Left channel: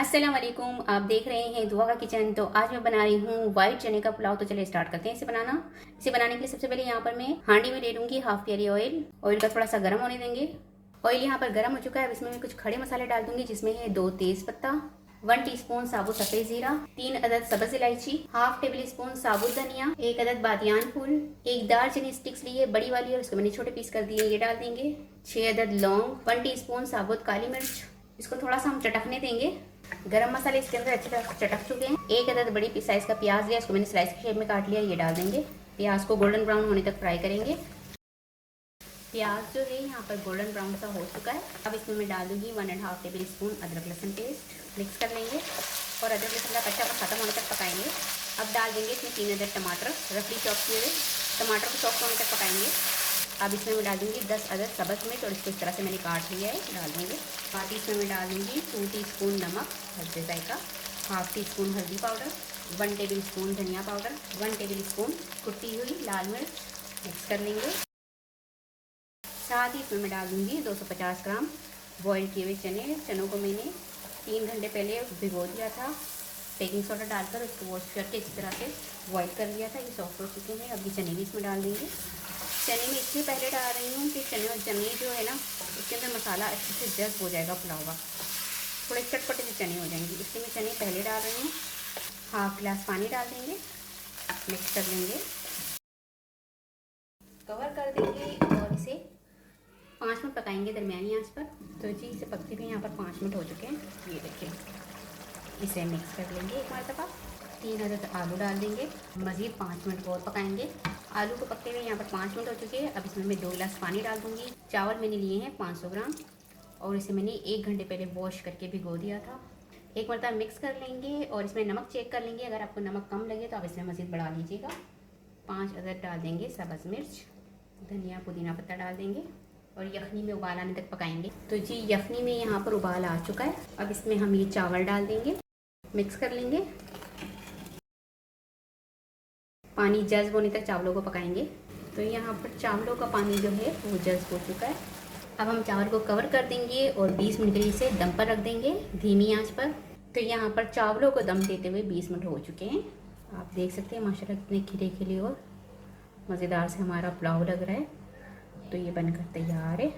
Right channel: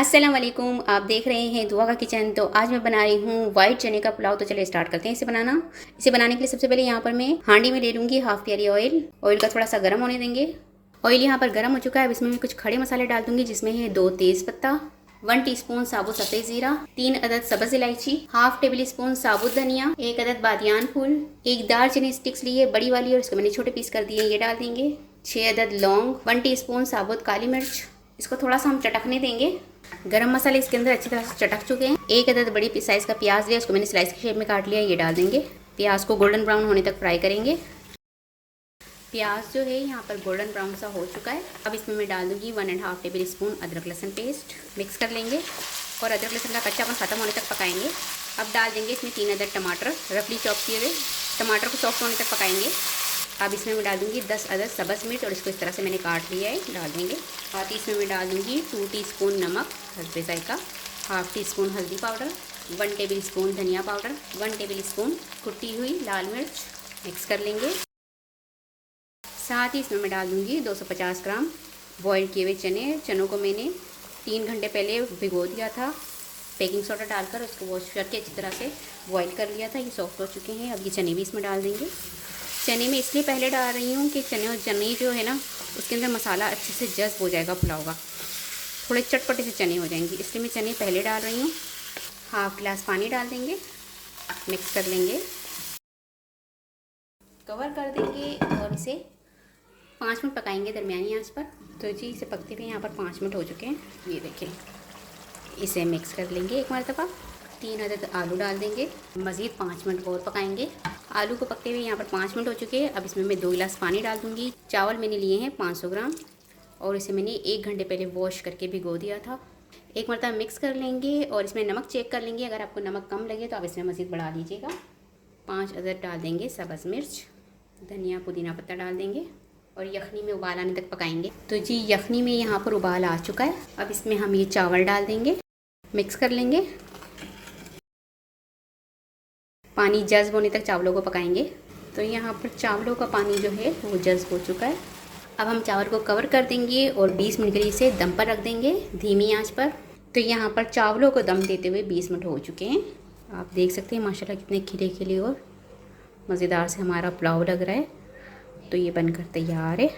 अस्सलाम वालेकुम। आप देख रहे हैं दुआ का किचन। तो आज मैं बना रही हूँ वाइट चने का पुलाव। तो चलिए स्टार्ट करते हैं इसे बनाना। इसे बनाने के लिए सबसे पहले यहाँ पर मैं हांडी में ले लूँगी हाफ प्याली ऑयल। ऑयल का थोड़ा सा गर्म होने देंगे। ऑयल यहाँ पर गर्म हो चुका है। अब इसमें मैं कुछ खड़े मसाले डाल दूंगी, जिसमें है 2 तेज पत्ता, 1 टीस्पून साबुत सफ़ेद जीरा, 3 अदद सब्ज़ इलायची, हाफ टेबल स्पून साबुत धनिया, 1 अदद बादियान फूल, 1 दालचीनी स्टिक्स ली है बड़ी वाली और इसको मैंने छोटे पीस कर दिए, ये डाल देंगे। 6 अदद लौंग, 1 टीस्पून साबुत काली मिर्च। इसको थोड़ा सा हम चटकने देंगे। गरम मसाले इसके अंदर अच्छी तरह से चटक चुके हैं। 1 अदद बड़ी साइज़ का प्याज लिया, इसको मैंने स्लाइस की शेप में काट लिया, ये डाल देंगे। प्याज को गोल्डन ब्राउन होने तक फ्राई करेंगे। प्याज जो है यहाँ पर गोल्डन ब्राउन सा हो चुका है। अब इसमें मैं डाल दूँगी 1.5 टेबल स्पून अदरक लहसुन पेस्ट। मिक्स कर लेंगे और अदरक लहसुन का कच्चापन खत्म होने तक पकाएंगे। अब डाल देंगे इसमें 3 अदद टमाटर रफली चॉप किए हुए। टमाटर को सॉफ्ट होने तक पकाएंगे। अब इसमें मैं डाल दूँगी 10 अदद सब्ज़ मिर्च और इसको इस तरह से मैंने काट लिया है, डाल देंगे। साथ ही इसमें मैं डाल दूँगी 2 टीस्पून नमक हल्के जायका, हाफ टी स्पून हल्दी पाउडर, 1 टेबल स्पून धनिया पाउडर, 1 टेबल स्पून कुटी हुई लाल मिर्च। मिक्स कर लेंगे। साथ ही इसमें मैं डाल दूँगी 250 ग्राम बॉयल किए हुए चने। चनों को मैंने 3 घंटे पहले भिगो दिया था, बेकिंग सोडा डालकर उसको वॉश करके अच्छी तरह से बॉयल कर लिया था। ये सॉफ्ट हो चुके हैं। अब ये चने भी इसमें डाल देंगे। चने में इसलिए पहले डाल रही हूँ कि चने जो है ना, उसके अंदर मसाला अच्छे से जज्ब हो जाएगा पुलाव का, थोड़े चटपटे से चने हो जाएंगे, इसलिए मैं चने पहले डाल रही हूँ। हाफ गिलास पानी डाल देंगे, मिक्स कर लेंगे, कवर कर देंगे और इसे 5 मिनट पकाएंगे दरमियानी आंच पर। तो जी इसे पकते हुए यहाँ पर 5 मिनट हो चुके हैं, ये देखिए। इसे मिक्स कर लेंगे एक मरतबा। 3 अदद आलू डाल देंगे, मज़ीद 5 मिनट और पकाएंगे। आलू को पकते हुए यहाँ पर 5 मिनट हो चुके हैं। अब इसमें मैं 2 गिलास पानी डाल दूँगी। चावल मैंने लिए हैं 500 ग्राम और इसे मैंने 1 घंटे पहले वॉश करके भिगो दिया था। एक मरतबा मिक्स कर लेंगे और इसमें नमक चेक कर लेंगे। अगर आपको नमक कम लगे तो आप इसमें मज़ीद बढ़ा लीजिएगा। 5 अदद डाल देंगे सब्ज़ मिर्च, धनिया पुदीना पत्ता डाल देंगे और यखनी में उबाल आने तक पकाएंगे। तो जी यखनी में यहाँ पर उबाल आ चुका है। अब इसमें हम ये चावल डाल देंगे, मिक्स कर लेंगे। पानी जज्ब होने तक चावलों को पकाएंगे। तो यहाँ पर चावलों का पानी जो है वो जज्ब हो चुका है। अब हम चावल को कवर कर देंगे और 20 मिनट के लिए इसे दम पर रख देंगे धीमी आंच पर। तो यहाँ पर चावलों को दम देते हुए 20 मिनट हो चुके हैं। आप देख सकते हैं माशाल्लाह कितने खिले खिले और मज़ेदार से हमारा पुलाव लग रहा है। तो ये बनकर तैयार है।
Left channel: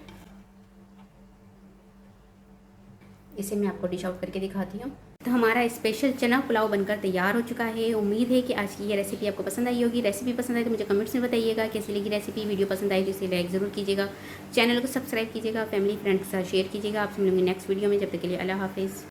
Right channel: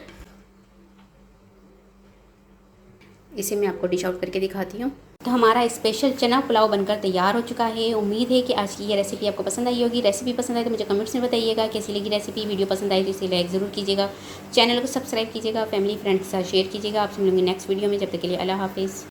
इसे मैं आपको डिश आउट करके दिखाती हूँ। तो हमारा स्पेशल चना पुलाव बनकर तैयार हो चुका है। उम्मीद है कि आज की ये रेसिपी आपको पसंद आई होगी। रेसिपी पसंद आई तो मुझे कमेंट्स में बताइएगा कैसी लगी रेसिपी। वीडियो पसंद आई तो इसे लाइक ज़रूर कीजिएगा, चैनल को सब्सक्राइब कीजिएगा, फैमिली फ्रेंड्स के साथ शेयर कीजिएगा। आपसे मिलूंगी नेक्स्ट वीडियो में। जब तक के लिए अल्लाह हाफिज़।